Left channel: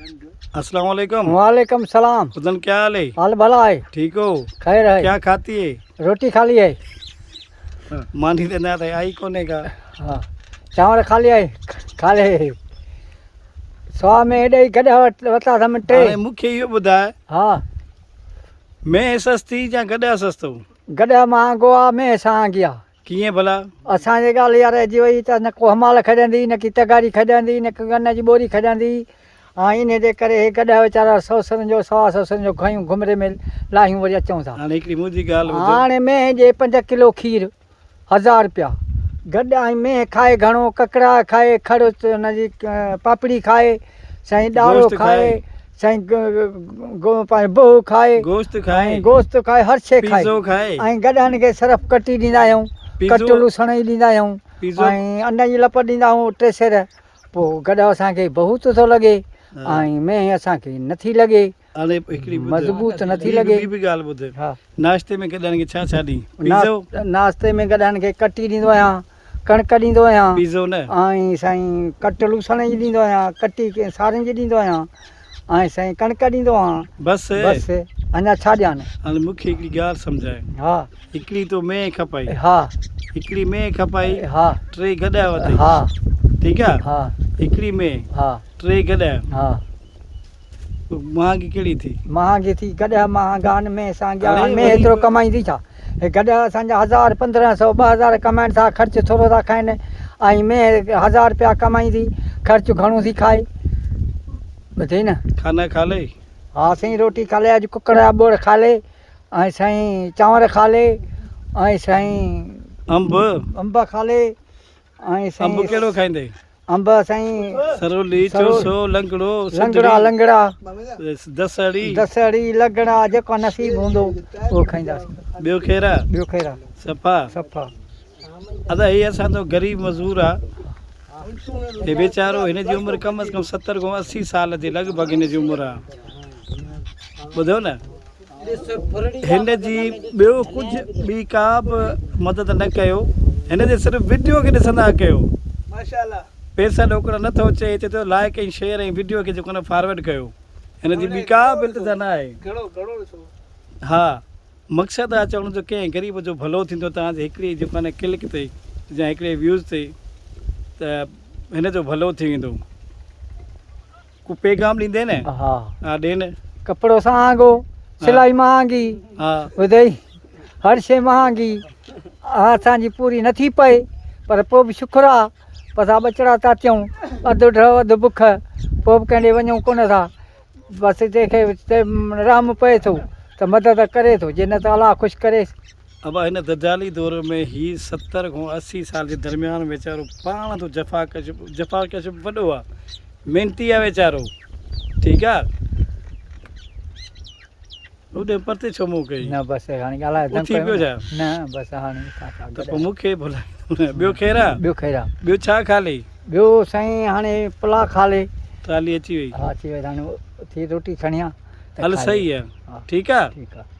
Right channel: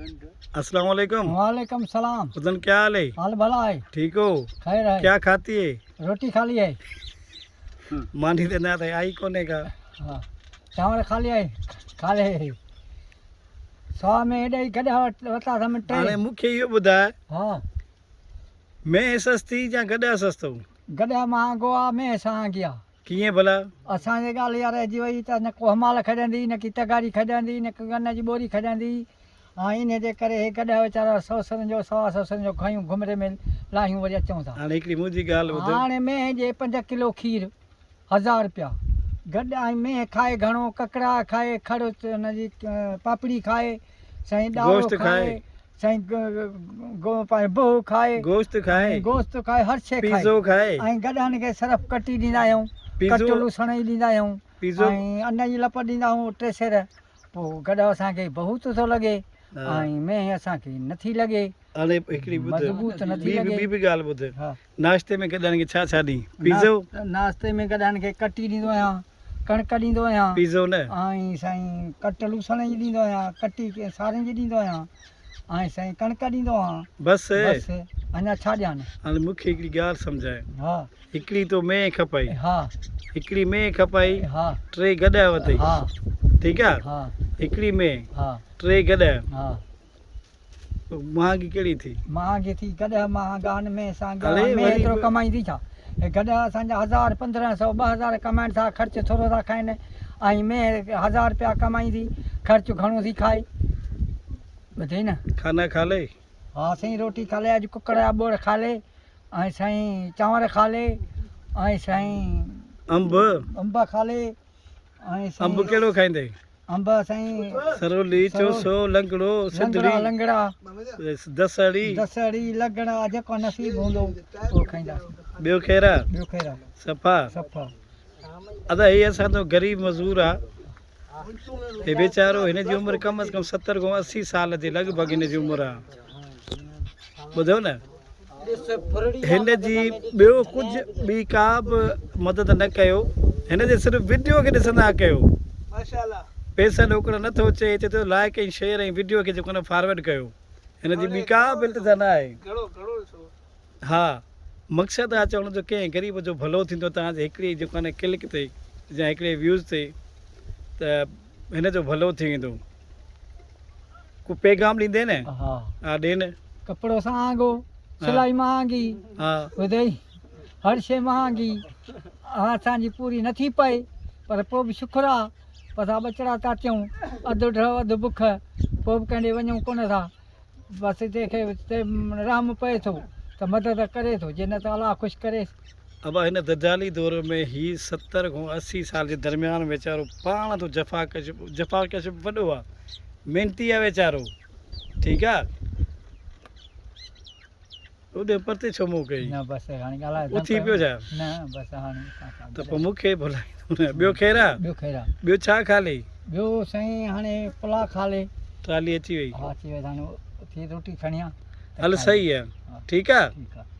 अस्सलाम वालेकुम। वालेकुम सलाम। उदन क्या हाल है? हाल भला है, ठीक हो? खैर है। क्या खाती है? रोटी खा ली है। मानी देना था आई कोने का। हाँ, चांवर खा लिया है, खा ले। सवा में एॾे ई गॾा वरिता था मिटे। हाणे मूंखे इहो ॿुधाए, हाँ, मैं सस्ती या गॾा सस्तो? गॾा महांगो आहे, में महांगी आहे। कीअं भला? असांजे ॻाल्हि यार अची वई त न को हमाल खॼंदी, न की तगारी खॼंदी, न की गन जी ॿोरी खॼंदी। हाँ, इन जे करे हे गॾा वीचारा 100 जो 125 जो खयूं घुमरे में लाहियूं वरी अचूं था। हाणे हिकिड़ी मुंहिंजी ॻाल्हि ॿुधो। हाणे में जे 5 किलो खीर 1000 रुपया। गॾा में खाए घणो, ककड़ा खाए, खड़ हुनजी पापड़ी खाए, साईं ॾाढ़ो खाए, साईं बोह खाए, गोश्त खाए, गोश्त खाए, हर शइ खाए। पिज़्ज़ो खाए। ऐं गॾनि खे सरफ कटी ॾींदा आहियूं, कटु लूसण ई ॾींदा आहियूं, ऐं अन्न जी लप ॾींदा आहियूं 3 सेर। पोइ गॾु असांखे बहुत थो लॻे ऐं में असांखे नथी लॻे, हाणे हिकिड़ी मज़बूत नथी ॿी लॻे। बि ॻाल्हि ॿुध। हा, नाश्ते में गॾनि खे छा छा ॾी? पिज़्ज़ो? नाश्ते में गॾनि खे कटी ॾींदो आहियां, कणिक ॾींदो आहियां, पिज़्ज़ो न? ऐं साईं कटु लूसण जी ॾींदो आहियां, कटी सारनि जी ॾींदो आहियां, ऐं साईं कणिक ॾींदो आहियां। बसि अञा छा ॾियानि? हाणे मूंखे हिकिड़ी ॻाल्हि सम्झाए। हा, हिकिड़ी तो में खपाई, हा, हिकिड़ी में खपाई, हा, 3 गॾा वरितई, हा, ठीकु आहे? हा, हिकिड़ी में हा, 3 गॾा, हा। महांगी कहिड़ी थी? महांगी थी, गॾा महांगा आहिनि, में असांजा अरे में वरी एतिरो बि- कमाईंदी छा? हे गॾा असांजा 1000 1500 2000 कमाइनि था, ख़र्चु थोरो था खाइनि, ऐं में 1000 रुपया कमाईंदी, ख़र्चु घणो थी खाए। ॿुधई न? खाना खा ले। हा साईं, रोटी खा ले, अॼु कुकड़ जा ॿोड़ खा ले, ऐं साईं चांवर खा ले, ऐं साईं अंब खा ले, ऐं साईं अंब कहिड़ो खाईंदे? अंब साईं सरोली, चोसो, लंगड़ो, लंगड़ा, लंगड़ा, दसड़ी, लंगड़ा, जेको नसीब हूंदो उहो खाईंदासीं। ॿियो खेरा ॿियो खैरा सफ़ा। सफ़ा। अदा हीअ असांजो ग़रीब मज़दूर आहे, हे वीचारो, हिन जी उमिरि कम से कम 70 खां 80 साल जे लॻभॻि हिन जी उमिरि आहे। ॿुधो न, हिन जी ॿियो कुझु ॿी का बि मदद न कयो, हिन जे सिर्फ़ु वीडियो खे ॾिसंदा कयो। पैसा ॾोकड़ नथो अचे, चए थो लाइक ऐं शेयर ऐं वीडियो खे जेको न फॉरवर्ड कयो, हिन जी ॿी का बि इल्तिजा न आहे। हा, मक़सदु आहे चवण जो कंहिं ग़रीब जो भलो थींदो तव्हांजे हिकिड़ी जेको आहे क्लिक ते या हिकिड़े व्यूज़ ते, त हिन जो भलो थी वेंदो। को पैगाम ॾींदे न? हा, हा ॾे न। कपिड़ो महांगो, सिलाई महांगी, हा, ॿुधई, हर शइ महांगी, असांजी पूरी नथी पए, पर पोइ बि शुक्र आहे, असां ॿचिड़ा था थियूं, अधु ड्रव अधु बुख, पोइ बि कंहिं ॾे वञूं कोन था। बसि जंहिंखे रहम पए थो त मदद करे थो, जे न त अलाह ख़ुशि करे। अब हिन दजाली दौर में ही 70 खां 80 साल जे दरमियान वीचारो पाण तो जफ़ाकश वॾो आहे, महिनती आहे वीचारो, ठीकु आहे? ओॾे परते छो मूं कई? न बसि हाणे ॻाल्हाए उथी पियो छा? न बसि हाणे त पोइ मूंखे भुलाईंदो न। ॿियो खेरा? ॿियो खैरा। ॿियो छा खा ले? ॿियो साईं हाणे पुला खा ले। थाली अची वई? हा, अची वई, हाणे थी रोटी खणी आ। हल सही आहे, ठीकु आहे। ठीकु आहे।